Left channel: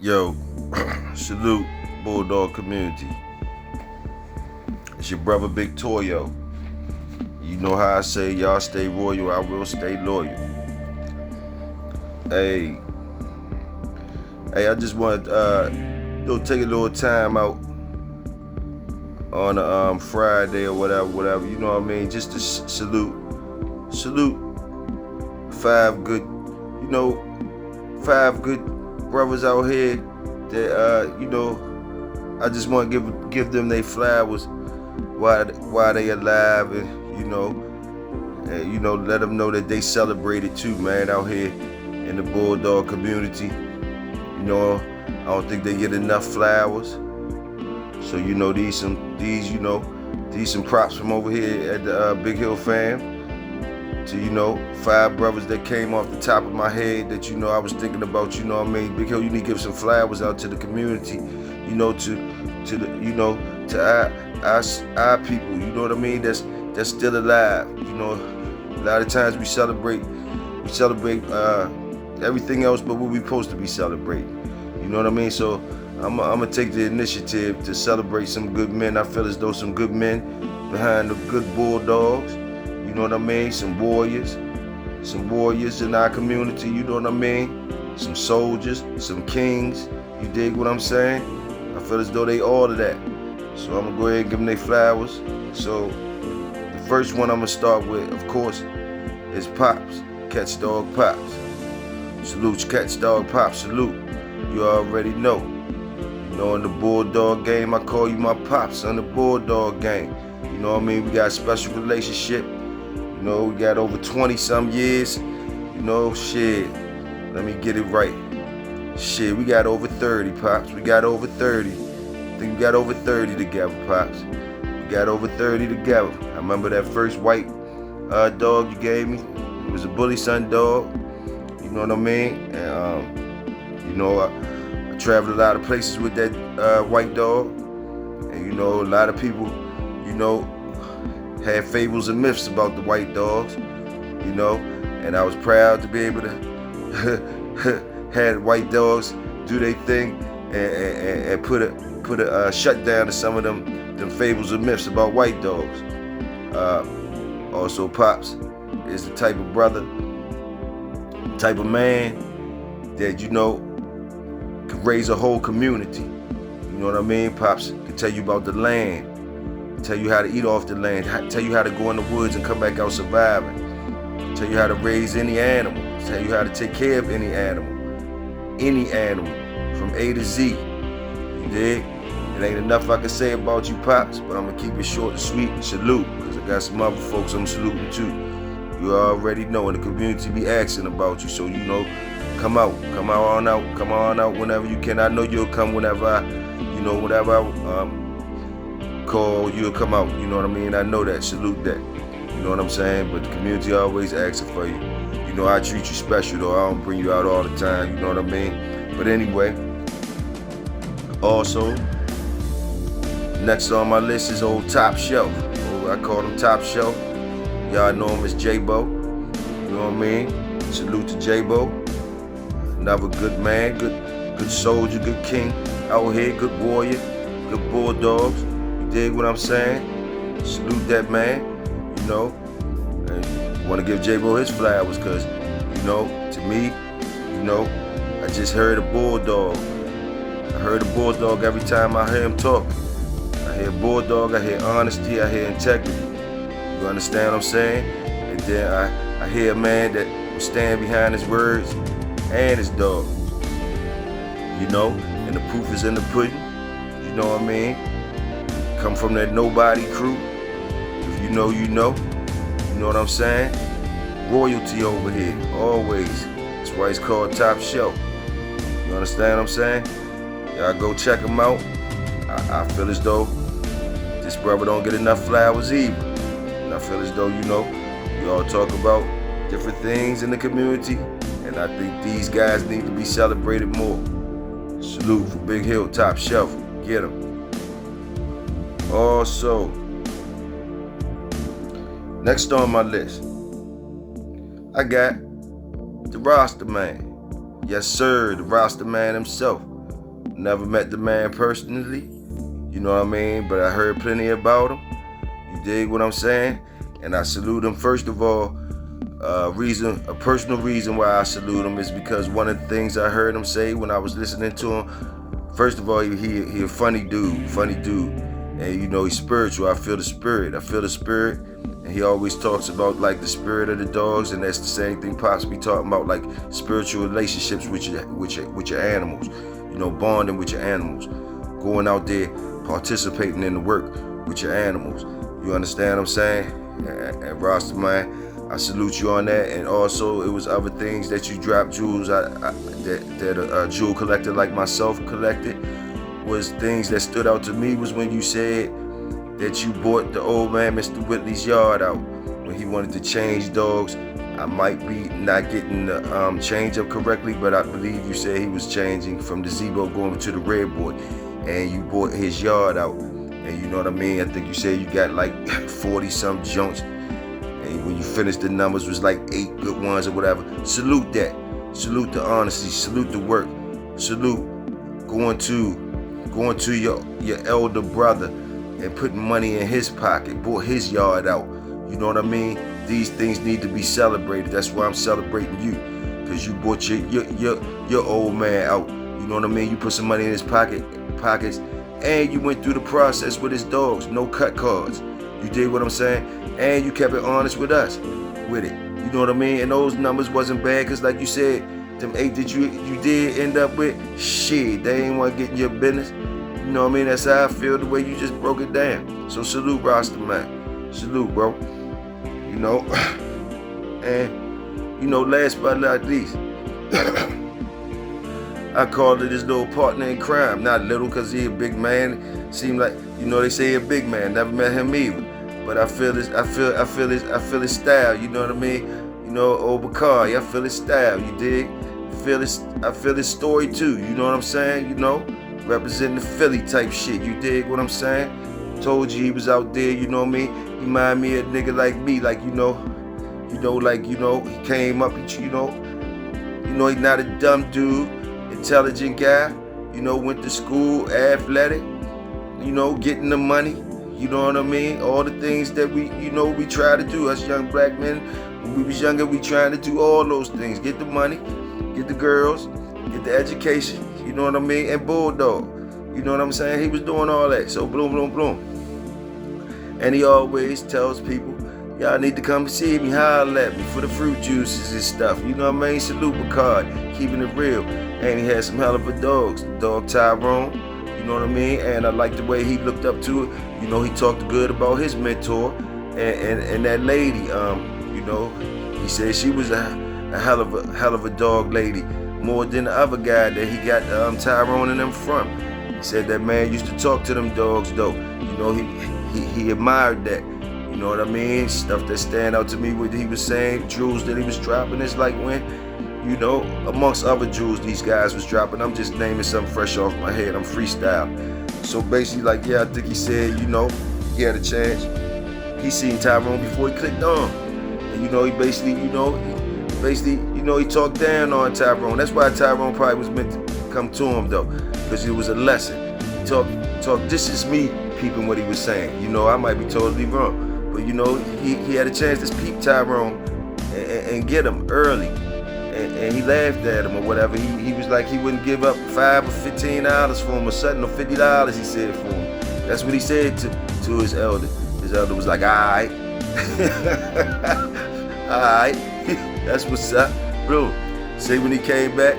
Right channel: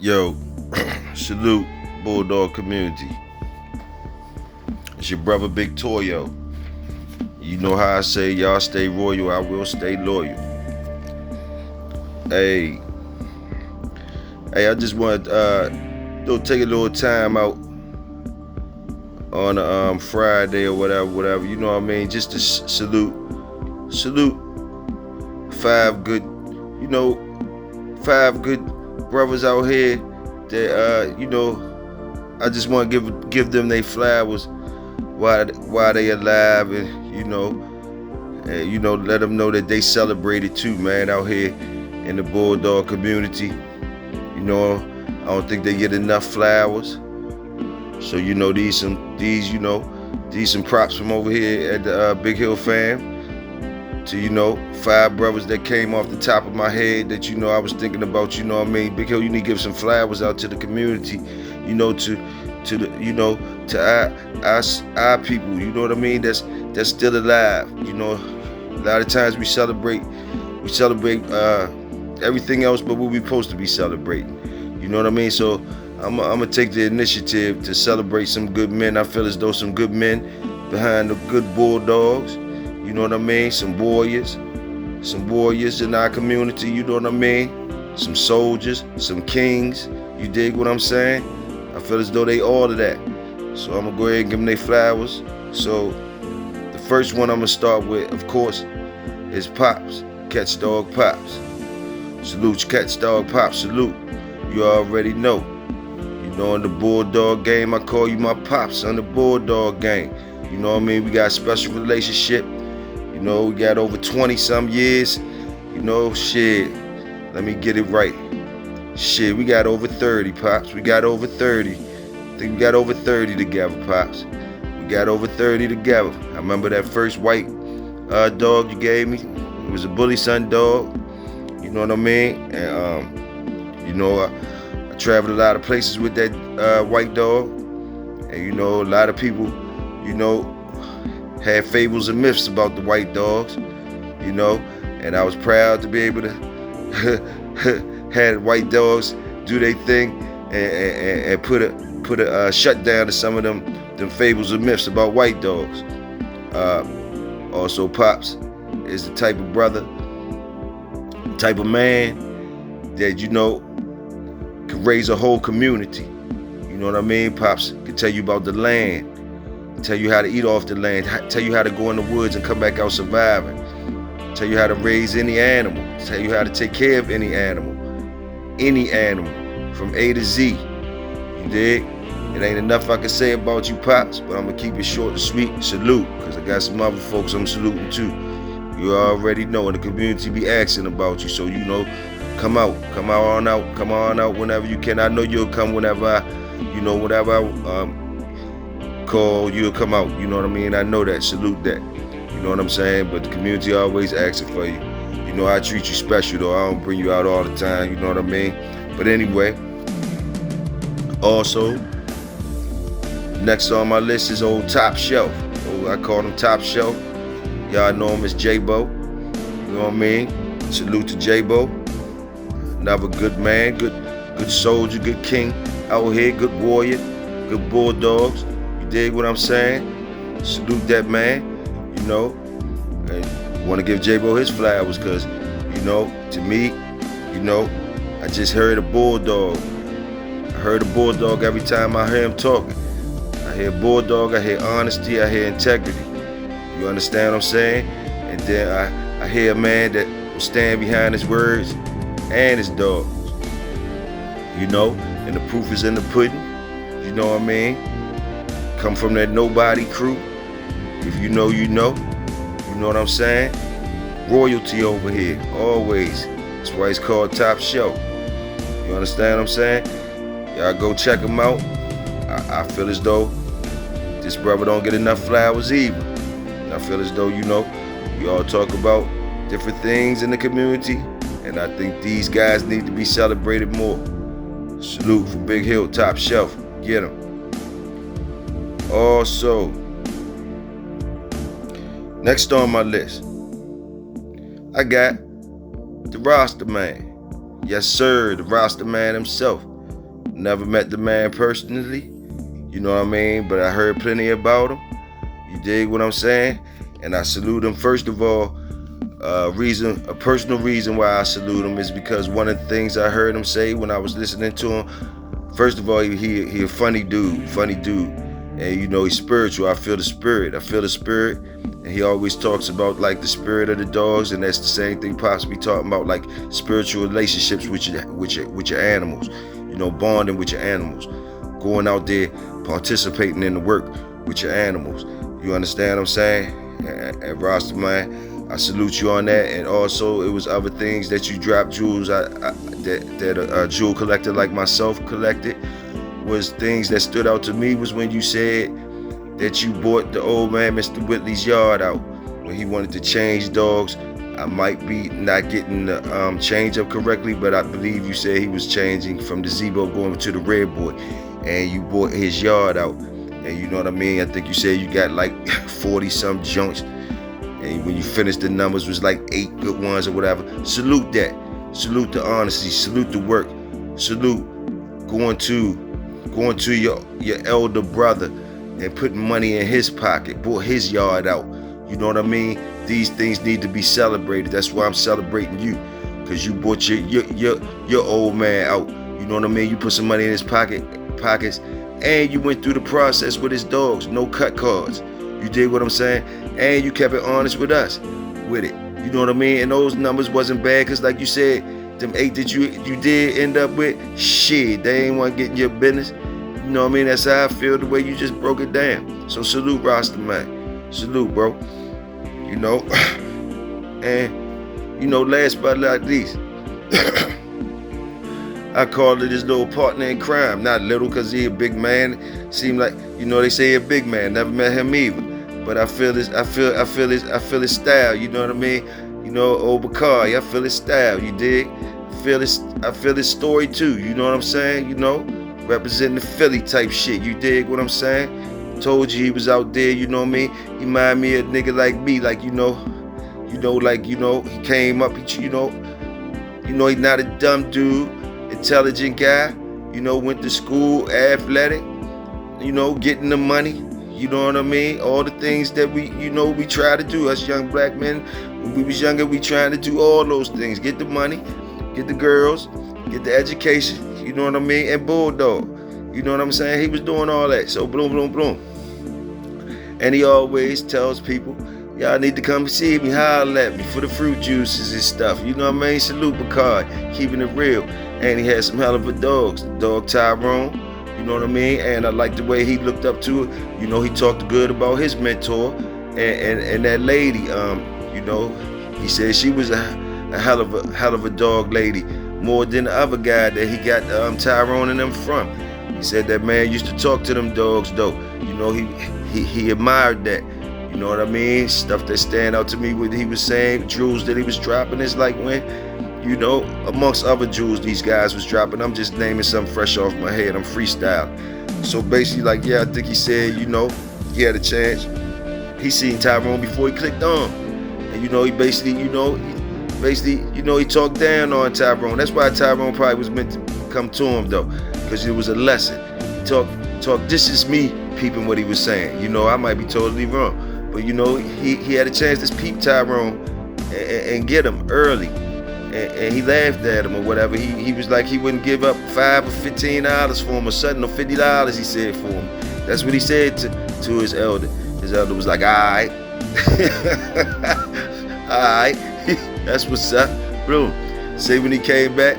Yo, salute Bulldog community. It's your brother Big Toyo. You know how I say, y'all stay royal, I will stay loyal. Hey, I just want to take a little time out on a Friday or whatever. You know what I mean? Just to salute five good, five good brothers out here that I just want to give them their flowers while they alive, and let them know that they celebrated too, man, out here in the Bulldog community. I don't think they get enough flowers. So these some props from over here at the Big Hill fam to five brothers that came off the top of my head that I was thinking about. Big Hill, you need to give some flowers out to the community, to our people, that's still alive. A lot of times we celebrate everything else but what we're supposed to be celebrating. You know what I mean? So I'm gonna take the initiative to celebrate some good men. I feel as though some good men behind the good Bulldogs. You know what I mean? Some warriors in our community. You know what I mean? Some soldiers, some kings. You dig what I'm saying? I feel as though they all of that. So I'm gonna go ahead and give them their flowers. So the first one I'm gonna start with, of course, is Pops, Catch Dog Pops. Salute, Catch Dog Pops. Salute. You already know. In the Bulldog game, I call you my pops on the Bulldog game. You know what I mean? We got a special relationship. We got over 20 some years. Shit. Let me get it right. Shit, we got over 30, Pops. We got over 30. I think we got over 30 together, Pops. We got over 30 together. I remember that first white dog you gave me. It was a bully son dog. You know what I mean? And, I traveled a lot of places with that white dog. And, a lot of people, had fables and myths about the white dogs, and I was proud to be able to have white dogs do their thing and put a shutdown to some of them fables and myths about white dogs. Also, Pops is the type of brother, type of man that could raise a whole community. You know what I mean? Pops can tell you about the land, tell you how to eat off the land, tell you how to go in the woods and come back out surviving, tell you how to raise any animal, tell you how to take care of any animal from A to Z. You dig? It ain't enough I can say about you, Pops, but I'm gonna keep it short and sweet. Salute, because I got some other folks I'm saluting too. You already know, and the community be asking about you, so come on out whenever you can. I know you'll come whenever I call, you'll come out. You know what I mean? I know that. Salute that. You know what I'm saying? But the community always asking for you. I treat you special though. I don't bring you out all the time. You know what I mean? But anyway, also, next on my list is old Top Shelf. I call him Top Shelf. Y'all know him as J-Bo. You know what I mean? Salute to J-Bo. Another good man, good soldier, good king out here, good warrior, good Bulldogs. You dig what I'm saying? Salute that man, and want to give J-Bo his flowers because, to me, I just heard a Bulldog. I heard a Bulldog every time I hear him talking. I hear Bulldog, I hear honesty, I hear integrity. You understand what I'm saying? And then I hear a man that will stand behind his words and his dog. And the proof is in the pudding. You know what I mean? Come from that nobody crew. If you know, you know. You know what I'm saying? Royalty over here, always. That's why it's called Top Shelf. You understand what I'm saying? Y'all go check him out. I feel as though this brother don't get enough flowers either. And I feel as though, you all talk about different things in the community, and I think these guys need to be celebrated more. Salute for Big Hill, Top Shelf. Get him. Also, next on my list, I got the roster man. Yes, sir, the roster man himself. never met the man personally, you know what I mean? But I heard plenty about him. You dig what I'm saying? And I salute him. First of all, a personal reason why I salute him is because one of the things I heard him say when I was listening to him, first of all, he a funny dude, and he's spiritual. I feel the spirit, and he always talks about like the spirit of the dogs, and that's the same thing Pops be talking about, like spiritual relationships with your animals, bonding with your animals, going out there, participating in the work with your animals. You understand what I'm saying? And Rastaman, I salute you on that. And also, it was other things that you dropped, jewels, that a jewel collector like myself collected. Was things that stood out to me was when you said that you bought the old man Mr. Whitley's yard out when he wanted to change dogs. I might be not getting the change up correctly, but I believe you said he was changing from the Zebo going to the Red Boy, and you bought his yard out. And you know what I mean? I think you said you got like 40 some junks. And when you finished, the numbers was like 8 good ones or whatever. Salute that. Salute the honesty. Salute the work. Salute going to your elder brother and putting money in his pocket. Bought his yard out. You know what I mean? These things need to be celebrated. That's why I'm celebrating you, because you bought your old man out. You know what I mean? You put some money in his pockets, and you went through the process with his dogs. No cut cards. You did what I'm saying? And you kept it honest with us with it. You know what I mean? And those numbers wasn't bad, because like you said, them 8 that you did end up with, shit, they ain't want to get in your business. You know what I mean? That's how I feel, the way you just broke it down. So salute, Rasta man. Salute, bro. And last but not least, I called it his little partner in crime. Not little, because he a big man. Seemed like, they say he a big man. Never met him either. But I feel his style, you know what I mean? Old Bakari, I feel his style, you dig? I feel his story too, you know what I'm saying? Representing the Philly type shit, you dig what I'm saying? Told you he was out there, you know what I mean? He remind me of a nigga like me, like he came up, he's not a dumb dude, intelligent guy, went to school, athletic, getting the money, you know what I mean? All the things that we try to do, us young black men. When we was younger, we trying to do all those things. Get the money, get the girls, get the education, you know what I mean? And Bulldog, you know what I'm saying? He was doing all that. So boom, boom, boom. And he always tells people, y'all need to come see me, holler at me for the fruit juices and stuff. You know what I mean? Salute Picard, keeping it real. And he had some hell of a dogs. The dog Tyrone, you know what I mean? And I like the way he looked up to it. He talked good about his mentor and that lady. He said she was a hell of a dog lady, more than the other guy that he got Tyrone and them from. He said that man used to talk to them dogs though. He admired that. You know what I mean? Stuff that stand out to me, what he was saying, jewels that he was dropping. It's like when, amongst other jewels these guys was dropping. I'm just naming something fresh off my head. I'm freestyle. So basically, I think he said, he had a chance. He seen Tyrone before he clicked on. And he basically, he talked down on Tyrone. That's why Tyrone probably was meant to come to him though, because it was a lesson. He talk. This is me peeping what he was saying. I might be totally wrong, but he had a chance to peep Tyrone and get him early. And he laughed at him or whatever. He was like he wouldn't give up $5 or $15 for him or something, or $50 he said for him. That's what he said to his elder. His elder was like, all right. Alright, that's what's up, bro. Say when he came back,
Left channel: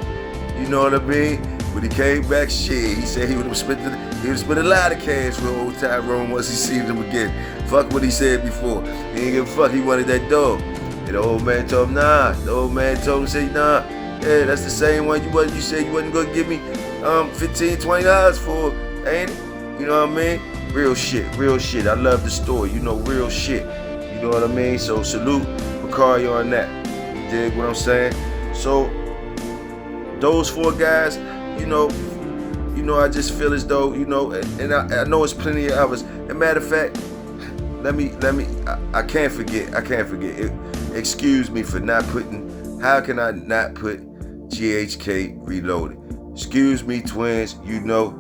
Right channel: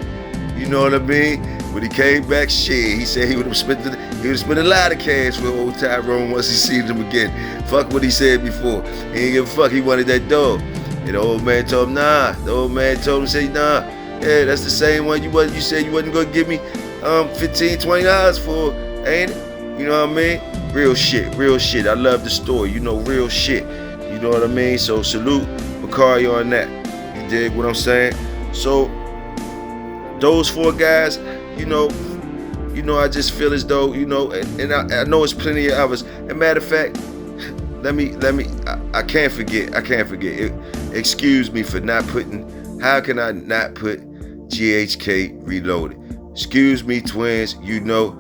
you know what I mean? When he came back, shit, he said he would have spent a lot of cash with old Tyrone once he seen him again. Fuck what he said before. He ain't give a fuck, he wanted that dog. And the old man told him, nah. The old man told him, say, nah, yeah, that's the same one you said you wasn't gonna give me $15, $20 for, ain't it? You know what I mean? Real shit. I love the story, real shit. You know what I mean? So salute Bakari on that. You dig what I'm saying? So those 4 guys, I just feel as though, and I know it's plenty of others. And matter of fact, I can't forget. Excuse me for not putting, how can I not put GHK Reloaded? Excuse me, twins. You know,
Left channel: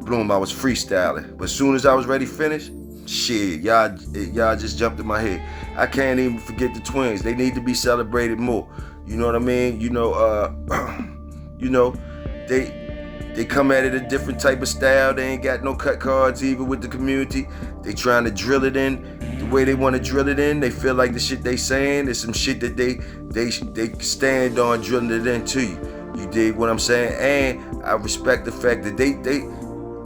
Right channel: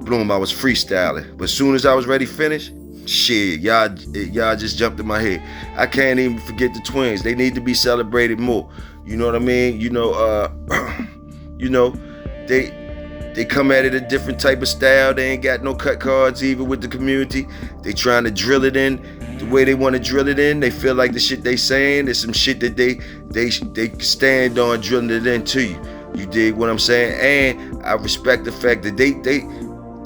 Bloom, I was freestyling. But as soon as I was ready to finish, shit, y'all just jumped in my head. I can't even forget the twins. They need to be celebrated more. You know what I mean? You know, they come at it a different type of style. They ain't got no cut cards even with the community. They trying to drill it in the way they want to drill it in. They feel like the shit they saying is some shit that they stand on drilling it into you. You dig what I'm saying? And I respect the fact that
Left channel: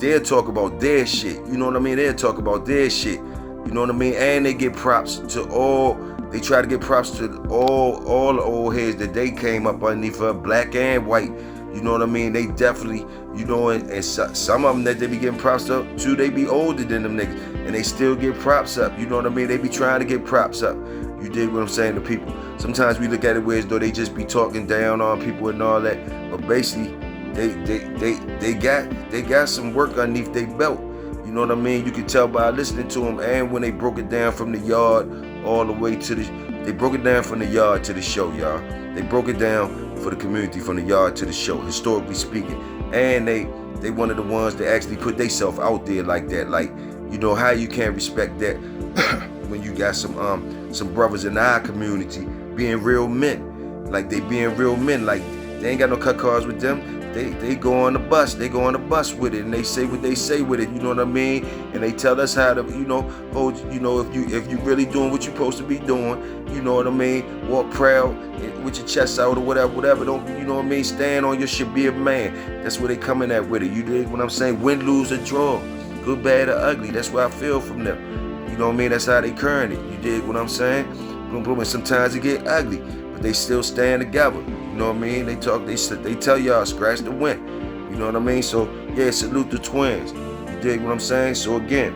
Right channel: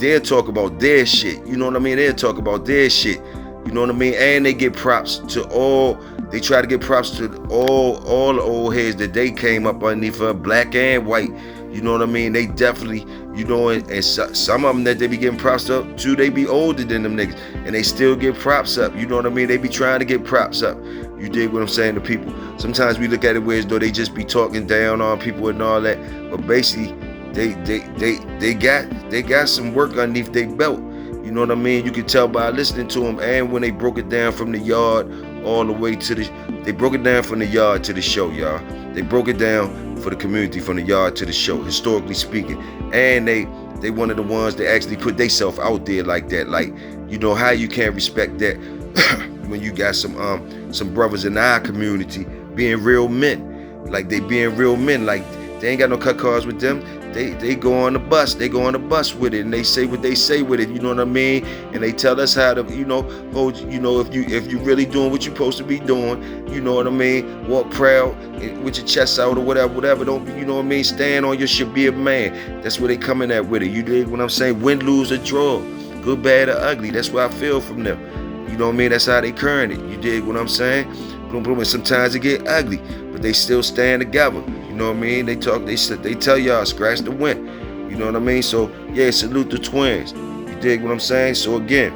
they'll talk about their shit. You know what I mean? They'll talk about their shit. You know what I mean? And they get props to all. They try to get props to all the old heads that they came up underneath, black and white. You know what I mean? They definitely, you know, and some of them that they be getting props up to, they be older than them niggas, and they still get props up. You know what I mean? They be trying to get props up. You dig what I'm saying to people? Sometimes we look at it where as though they just be talking down on people and all that, but basically, they got some work underneath their belt. You know what I mean? You can tell by listening to them, and when they broke it down from the yard all the way to they broke it down from the yard to the show, y'all. They broke it down for the community from the yard to the show, historically speaking. And they one of the ones that actually put themselves out there like that. Like, you know how you can't respect that when you got some brothers in our community being real men. Like they being real men. Like they ain't got no cut cards with them. They go on the bus. They go on the bus with it, and they say what they say with it. You know what I mean? And they tell us how to, you know, hold. You know, if you really doing what you're supposed to be doing, you know what I mean? Walk proud with your chest out or whatever. Don't, you know what I mean? Stand on your shit. Be a man. That's where they coming at with it. You dig what I'm saying? Win, lose, or draw, good, bad, or ugly. That's what I feel from them. You know what I mean? That's how they current it. You dig what I'm saying? And sometimes it get ugly, but they still stand together. You know what I mean? They tell y'all scratch the win. You know what I mean? So yeah, salute the twins. You dig what I'm saying? So again,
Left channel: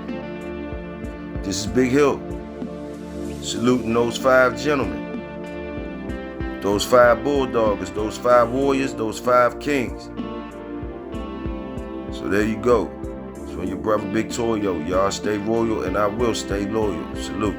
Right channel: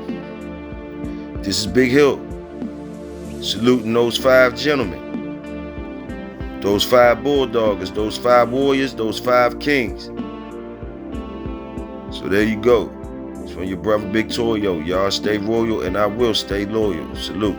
this is Big Hill saluting those 5 gentlemen, those 5 bulldoggers, those 5 warriors, those 5 kings. So there you go. It's from your brother Big Toyo. Y'all stay royal and I will stay loyal. Salute.